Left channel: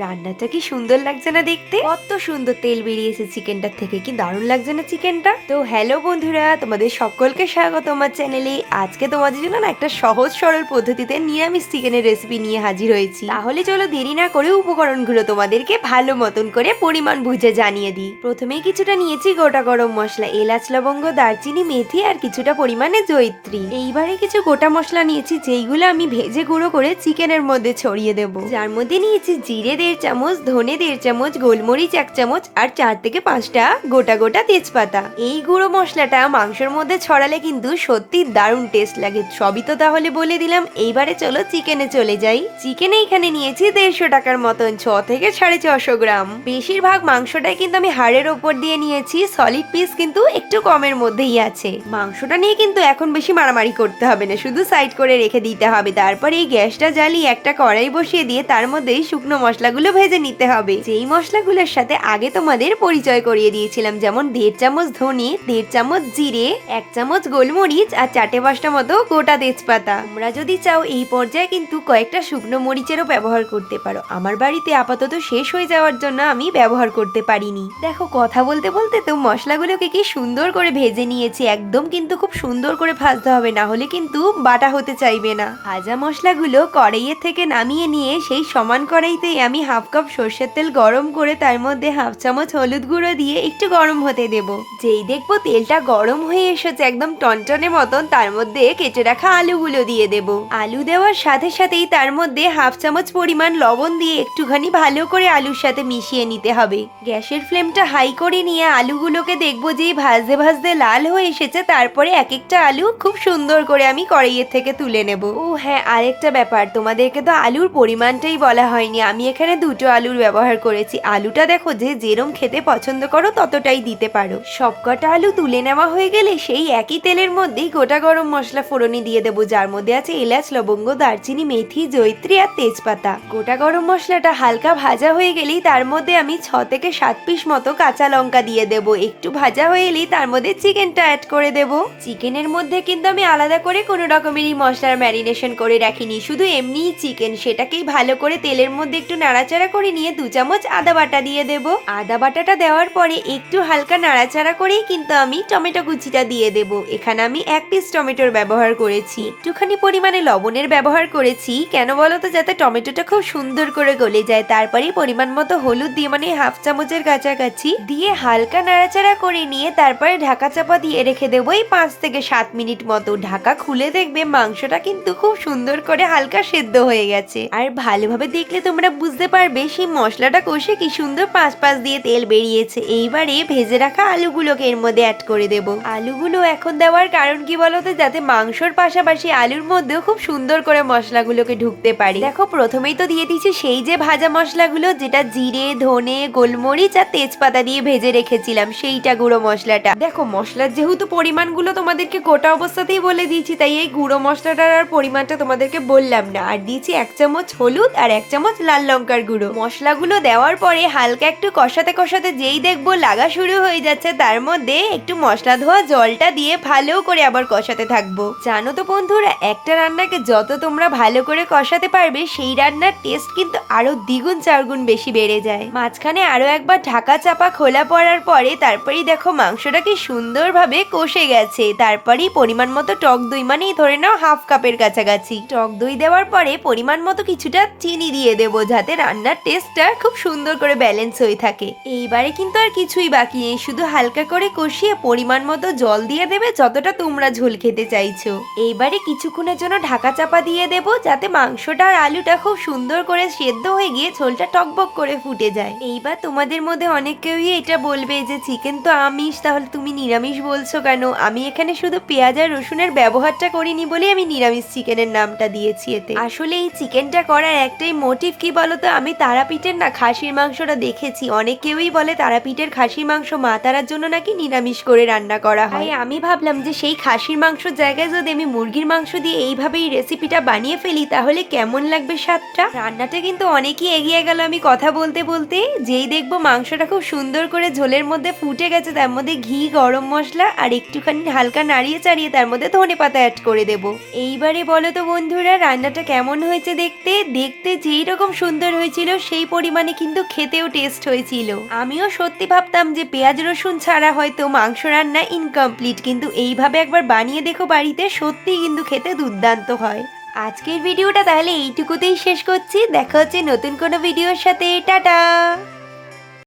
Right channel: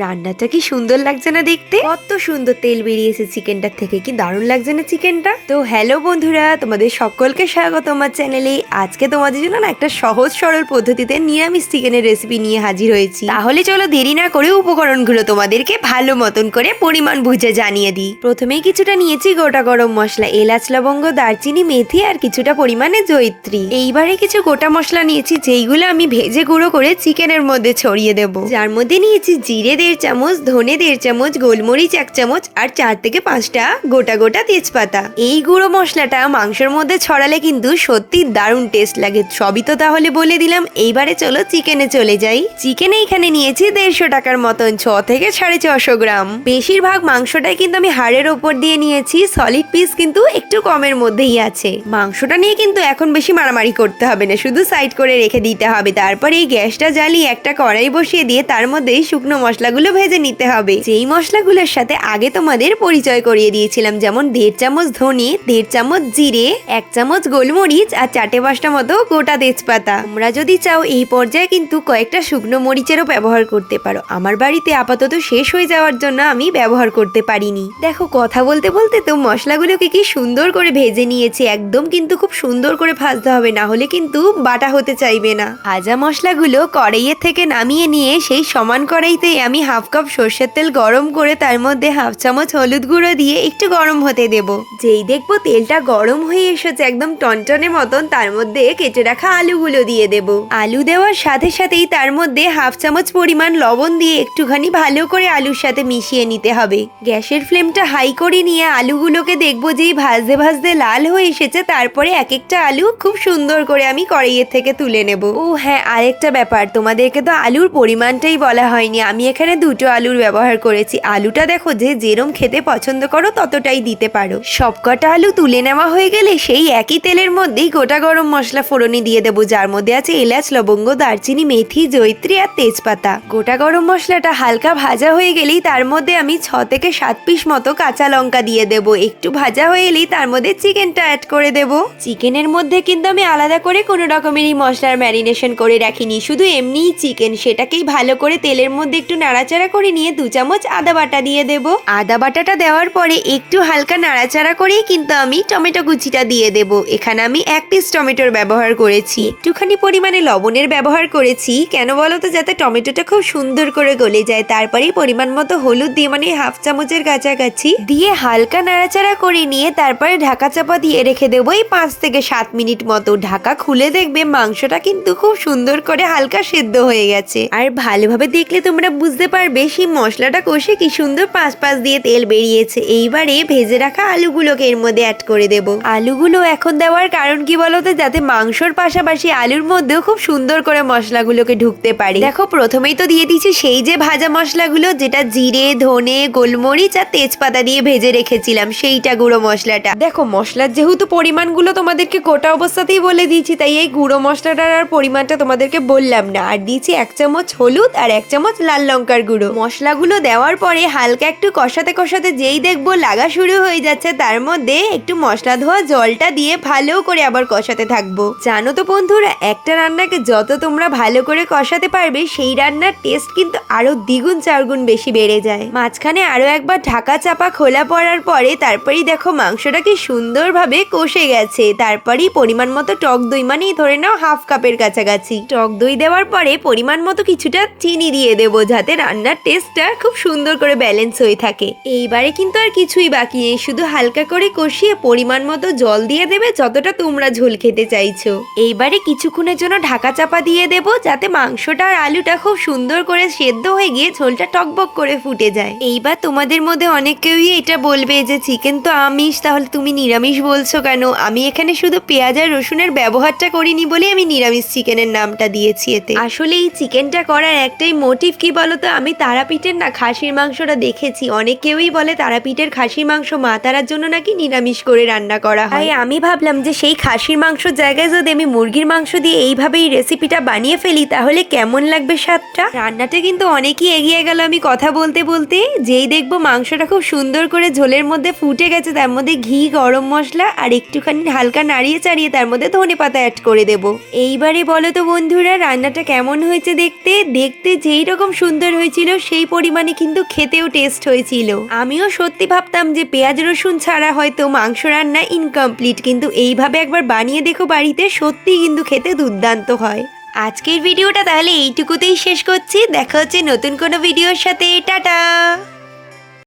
রান্নাটা কি সুন্দর লাগছে না দেখতে? কত সুন্দর তেল বেরিয়েছে চিকেনটার থেকে, কি দারুণ লাগছে না চিকেনটা? তো হ্যালো বন্ধুরা, তোমাদের সকলকে স্বাগত আমার চ্যানেলে। আজকে তোমাদের জন্য না একটা সহজ সরল পদ্ধতিতে নিরামিষ চিকেনের রেসিপি নিয়ে হাজির হয়েছি। তাহলে চলো দেরি না করে উপকরণগুলো তোমাদেরকে ভালো মতন করে পরিমাণ বুঝে জানিয়ে দিই। প্রথমেই কিছুটা নিয়েছি গোটা গরম মশলা, এলাচ, লবঙ্গ, দারচিনি, মেথি আর কিছুটা পরিমাণে জয়িত্রী। এইবারে কিছু গোটা মশলা নিয়েছি, যেইগুলো আমি ভেজে গুঁড়ো করে চিকেনের মধ্যে ছড়িয়ে দেব। যার মধ্যে নিয়েছি জিরে দেড় চামচ, ধনে দেড় চামচ, গোলমরিচ এক চামচ আর চার থেকে পাঁচটা গোটা গোটা তেজপাতা। এই গুঁড়ো মশলাটা মাংসের মধ্যে ছড়ালে কিন্তু সত্যি দারুণ টেস্ট লাগে। সবই তো তাহলে বলে দিলাম, এইবারে চলো চিকেনে চলে যাই। চিকেনে এখানে নিয়েছি দেড়শো টাকার মতন, ছ থেকে সাড়ে ছশো গ্রাম। বেশিরভাগ মাংসটাই কিন্তু আমি হাড়ের ওপর দিয়ে নিয়েছি সলিড পিস কিন্তু একটু কমের মধ্যেই আছে। মাংসটা নিয়ে কিন্তু এখন বেশি মারামারি করতে হবে না, শুধু সাইড করে রেখে দিতে হবে। তারপরে এই গ্যাসটা জ্বালিয়ে একটা কড়াই বসিয়ে দিয়ে তার মধ্যে শুকনো শুকনো মশলাগুলো ভেজে নিতে হবে। যেই মশলাগুলোর সাথে আগে তোমাদের পরিচয় করিয়ে দিয়েছিলাম, যেমন দেড় চামচ ধনে, দেড় চামচ জিরে, এক চামচ গোলমরিচ আর চারটে পাঁচটা মতো গোটা তেজপাতা। তোমরা যদি চাও এই পর্যায়ে কিন্তু কয়েকটা শুকনো মরিচেরও ব্যবহার করতে পারো। আমার বাড়িতে আপাতত শেষ হয়ে যাওয়ার জন্য আমি ব্যবহার করতে পারিনি। দেখো, কথা বলতে বলতে তো মশলাগুলোকে কি সুন্দর করে ভেজে নিয়েছি। একদম কিন্তু খুব সুন্দর করে ভাজতে হবে, না হলে কিন্তু বাটা হতে চাইবে না। ভাজা মশলাগুলো কড়াইয়ের থেকে নামিয়ে নিয়ে সেই সমান কড়াইতে আমি হাফ কাপ সর্ষের তেল গরম করে তার মধ্যে হাফ চামচ হলুদ গুঁড়ো দিয়ে একটু গরম হতে দেব। যেই দেখব তেলটা গরম হয়ে এসেছে একদম টনটনে মতন, তার মধ্যে কেটে রাখা আলুগুলো দিয়ে দেব। আলু দেওয়ার সাথে সাথেই তার মধ্যে হাফ চামচ পরিমাণ লবণ দিয়ে একটুখানি ভালো করে আলুর সাথে মিশিয়ে নিতে হবে। গ্যাসের ফ্লেমটা হাই করে নিয়ে আলুগুলোকে দেখব যেই ভাজতে ভাজতে লাল হয়ে এসেছে, তারপরে এক একটা আলু খুব সুন্দর করে আমি কড়াইয়ের থেকে তুলে নেব। ও হ্যাঁ আরেকটা ব্যাপার, তোমাদেরকে তো আলুর পরিমাণটাই বলা হয়নি, আমি এখানে দুটো আলুর ব্যবহার করেছি। আলুটা দেখো যে যেরম খেতে পছন্দ করো ততটাই দিতে পারো। সবকটা আলু তুলে নেওয়া হয়ে গেলে সেই একই তেলের মধ্যেই গোটা গরম মশলা ফোড়নি দিয়ে দেবো, যার মধ্যে আছে এলাচ, লবঙ্গ, দারচিনি, মেথি জৈত্রী আর তেজপাতা। গোটা গরম মশলাটা হালকা ভাজা হয়ে গেলেই তার মধ্যে আমি ছ থেকে সাত পিস মতো কাঁচা লঙ্কা দিয়ে দেব। একটু ভাজা হয়ে এলেই তার মধ্যে চিকেনটা অ্যাড করে দেব। চিকেনের মধ্যে কিন্তু আমি আলাদা করে কোনো রকমেরই মশলার ম্যারিনেশন করে রাখিনি। শুধু এমনিই চিকেন সেটাকেই ভালো করে তেলের মধ্যে একটু নাড়াচাড়া করে নিয়ে দু চামচ আদা বাটা দিয়ে দেব। আদা বাটাটা দেওয়ার পরে একটু হালকা নাড়াচাড়া করেই কিন্তু আমি টমেটো কুচিটা দিয়ে দেব। এখানে আমি এক পিস টমেটোর ব্যবহার করেছি। একটুখানি পরিমাণে লবণের ব্যবহার করেছি। কেন বলো তো, যাতে টমেটোটা খুব সুন্দর করে গলে যায়। তারপরে পরিমাণ মতো হলুদ দিয়ে মানে হাফ চামচের কাছাকাছি দিয়ে হালকা নাড়াচাড়া করে নিয়ে তারপরে ঢাকা চাপা দিয়ে রেখে দেবো এই পাঁচ থেকে সাত মিনিট মতো। ঢাকা খুলে দেখবে মাংসটা কিন্তু খুব সুন্দর করে হালকা সেদ্ধ হয়ে গেছে। আর ভালোভাবে দেখলে তোমরা বুঝতে পারবে সেই মশলাটা কষে কি সুন্দর পাঁচ পাঁচ দিয়ে তেল বেরিয়েছে। এইবারে ভেজে রাখা আলুগুলোকে এর মধ্যে অ্যাড করে দেব। আলুগুলো এখন দেওয়ার কারণ কি বলতো? যাতে মাংসর পাশাপাশি আলুর মধ্যেও খুব সুন্দর করে মশলাগুলোকে ঢুকতে পারে। দেখো প্রথমেই তো দিয়ে দিয়েছি সেই যে ভাজা মশলাগুলো যেটা জিরে ধনে গোলমরিচ আর তেজপাতা দিয়ে ভেজে রেখেছিলাম সেইটা গুঁড়ো মশলাটা। দেখো মশলার যেহেতু পরিমাণগুলো তোমাদেরকে গোটা অবস্থাতেই বলে দিয়েছি তাই এই গুঁড়ো মশলাটার আর পরিমাণটা তোমাদেরকে বললাম না। আর দিয়েছি এক চামচ হলুদ আর এক চামচ লাল লঙ্কার গুঁড়ো। মশলাগুলো দেওয়ার পরে হালকা একটু কষাতে কষাতে যেই দেখব লাগা শুরু হয়ে যাচ্ছে, তার মধ্যে একটু মশলা ধোয়া জলটা দিয়ে ভালো করে আবার কষাতে থাকব। জানো তো বন্ধুরা, একটা রান্নাকে যত তোমরা ভালো করে কষাতে পারবে, সেই রান্নার টেস্ট কিন্তু আরও দ্বিগুণ চারগুণ বেশি বেড়ে যায়। মাঝখানে আরও একবার ঢাকা চাপা খোলা পড়ার পরে তারপরেই দেখো মাংসটা কি সুন্দরভাবে কষে গেছে। তারপরেই পরিমাণ মতো টক দই মানে ধরে নাও হাফ কাপের কাছাকাছি। টক দই দেওয়ার পরে পরিমাণ মতো কিছুটা চিনি দিয়ে দেবো, যাতে রান্নার টেস্টটা খুব সুন্দর করে ব্যালেন্স হয়ে থাকে। এইবারে কিন্তু আর কিছুই বাকি নেই, শুধু হালকা করে কষিয়ে পরিমাণ মতো জল দিয়ে দেবে যতটা তোমরা ঝোল খেতে চাইছো। এইবারে কিছুক্ষণের জন্য ঢাকা চাপা দিয়ে দেব যাতে মাংসটা আর আলুটা খুব সুন্দর করে সেদ্ধ হয়ে গিয়ে ঝোলটা টকবক করে ফুটে যায়। এইবার তোমাদের মধ্যে অনেক কেউই এটা বলবে যে, চিকেন তো আমিষ, তাহলে তুমি নিরামিষ বলছো কেন? আমি এখানে শুধু পেঁয়াজ আর রসুনের ব্যবহারটা করিনি বলে আমি নিরামিষ চিকেনের নামটা দিয়েছি এতে। আসলে এই চিকেনটা করার একটাই মোটিভ কি বলতো? আমি তারাপীঠের না খাসির মাংসটা দেখেছি। অনেক কেউই বলে তারাপীঠের খাসির মাংস মা তারার জন্য নাকি নিরামিষ করে রান্না করা হয়। আমি ভাবলাম যে সেই খাসির মাংসর জায়গায় যদি আমি মুরগির মাংস দিয়ে এইভাবে এই রেসিপিটা বানিয়ে ফেলি, তাহলে কেমন লাগবে স্বাদটা? রান্নাটা কিন্তু অনেকই এগিয়ে গেল আমি কথা বলতে বলতে। যেই দেখব মাংসটা খুব সুন্দর করে ঝোলের মধ্যে ফুটে গেছে, তার মধ্যে ঘি, গরম মশলা আর একটুখানি হালকা নাড়িয়ে চাড়িয়ে তার মধ্যে ধনে পাতা অ্যাড করে দেবো। এইবারে বলো তো বন্ধুরা, রান্নাটা কেমন হয়েছে দেখতে? দেখতে যেই রকম সুন্দর হয়েছিল, সেই পরিমাণে কিন্তু খেতেও টেস্ট হয়েছিল। আমিও সত্যি ভাবতাম যে পেঁয়াজ রসুন ছাড়া হয়তো মাংস রান্না ইনকমপ্লিট কিন্তু এইভাবে একবার বানিয়ে দেখো বাড়িতে সত্যি কিন্তু খেতে দুর্দান্ত হয়। আজকের ভিডিওটা তাহলে এইটুকুতেই শেষ করছি। দেখা হচ্ছে নতুন কোনো ভিডিওর সাথে। টাটা!